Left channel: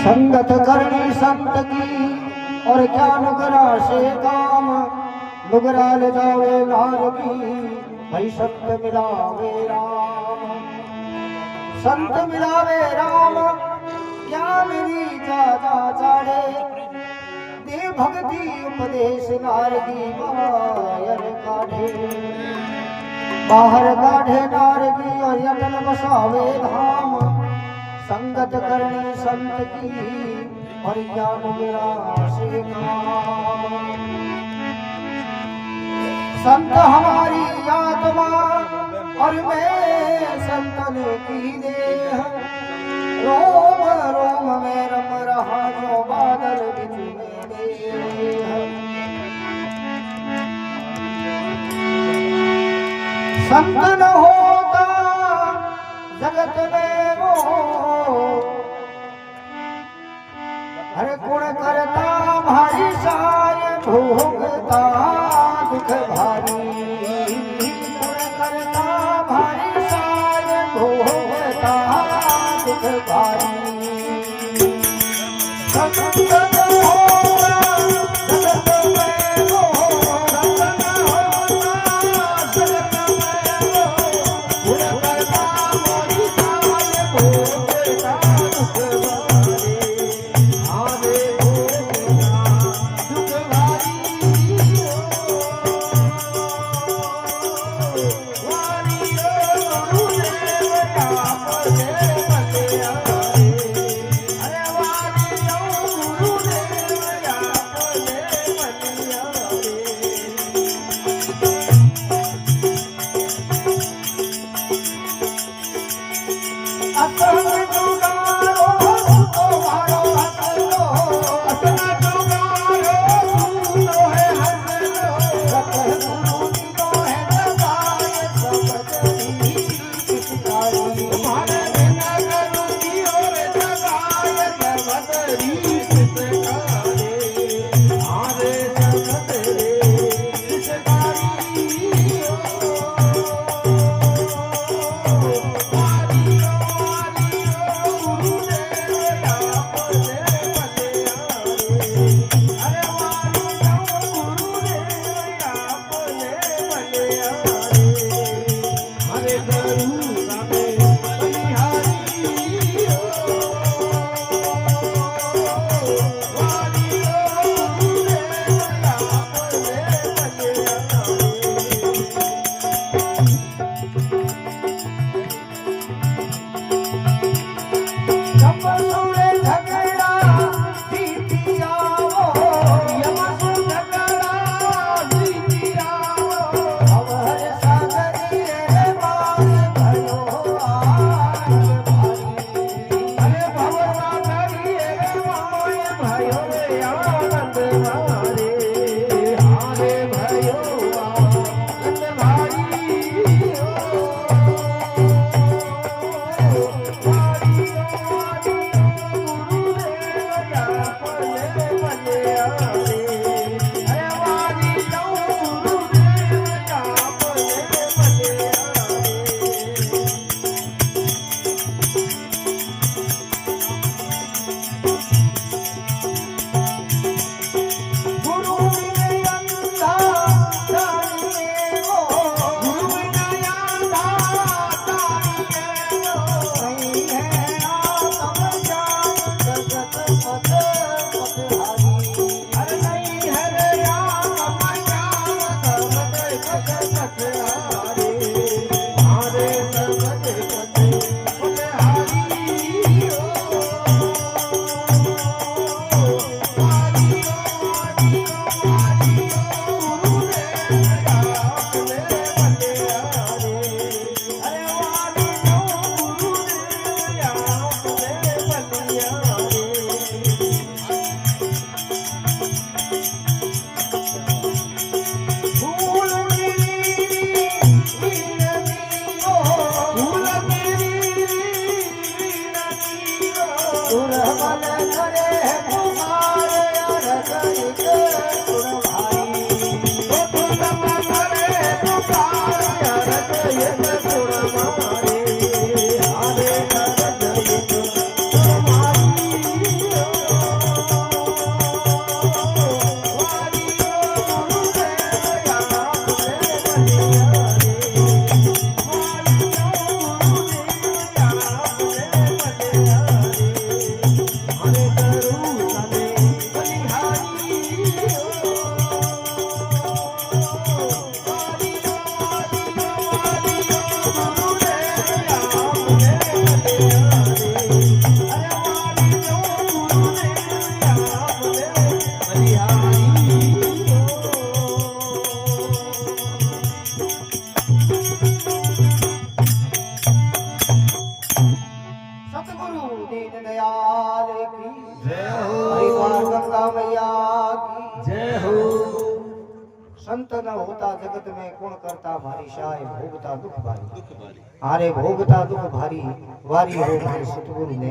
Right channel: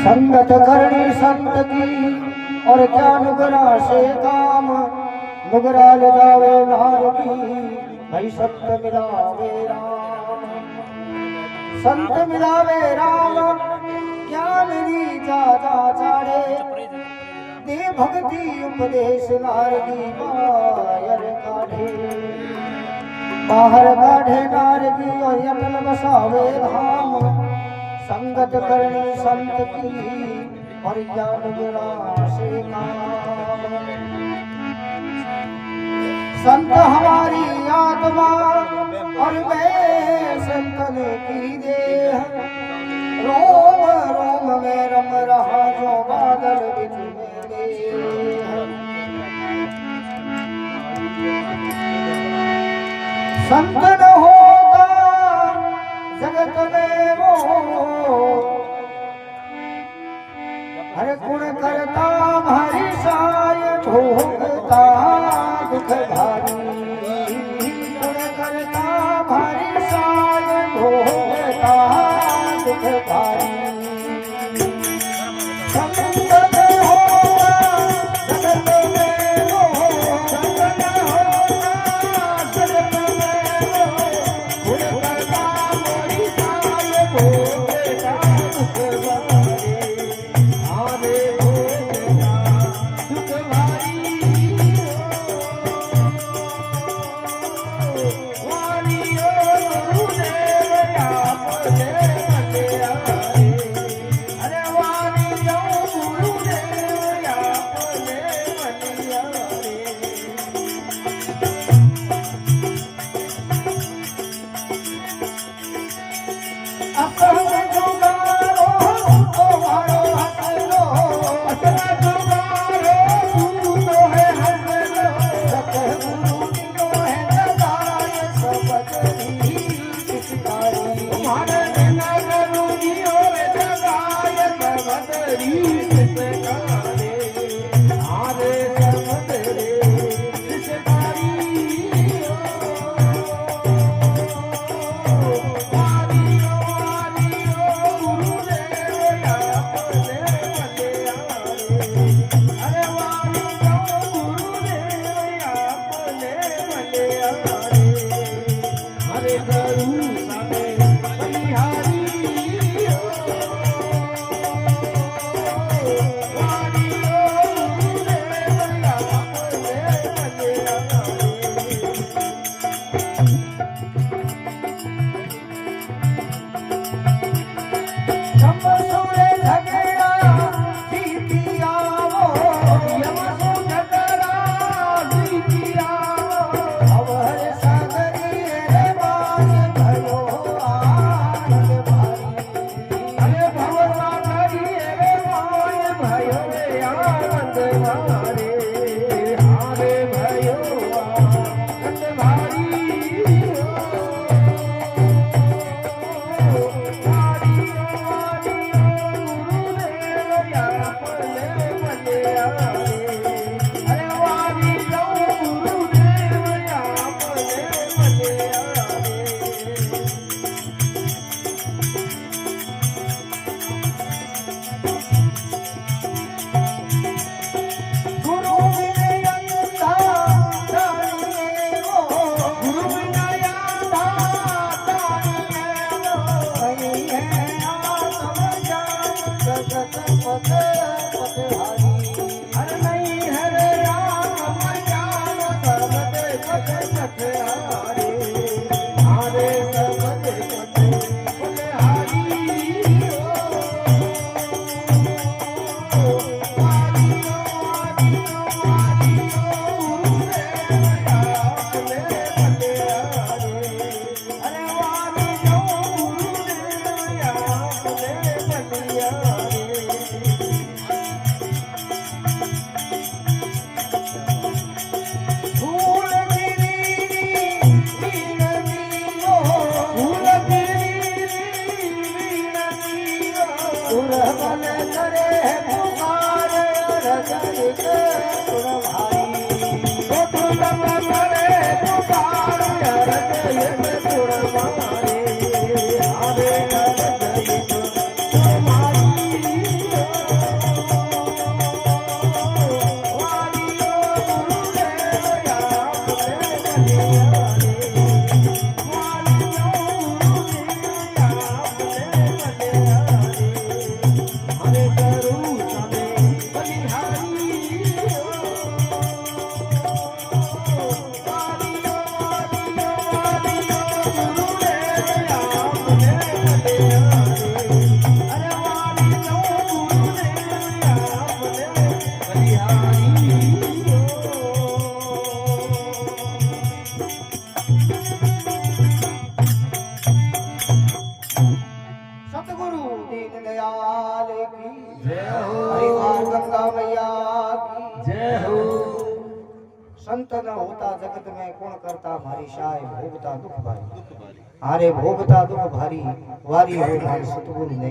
संगत करनी संत की और क्या नुगरा से काम, नुगरा ले जावे नार की भाई संत मिलावे राम। संत मिलावे राम ज्ञान रीता चाड़े, दे भक्ति उपदेश नारगी बाहर काढ़े। बाहर काढ़े नारगी और अटल बसावे धाम। संगत करनी संत की और ज्ञान गिरा से काम। संत हमारी आत्मा और मैं संतन की देह, रोम रोम में रम रहा जो बादल बिच में मेह। संत न होता जगत में वो, हर गुण करता भारी साय भोगता दुख भारी। गुण करता भारी साय भोगता दुख भारी। संत न होता जगत में वो, संत न होता जगत में वो, गुण करता भारी साय भोगता दुख भारी। दीनदयाल की जय हो हरिद्वार गंगा मैया की जय हो संत न होता जगत में कौन करता भारी शाय भोगता दुख भारी दुख बारी हारे भोगता दुख भारी वारी हो मारे सतगुरु ने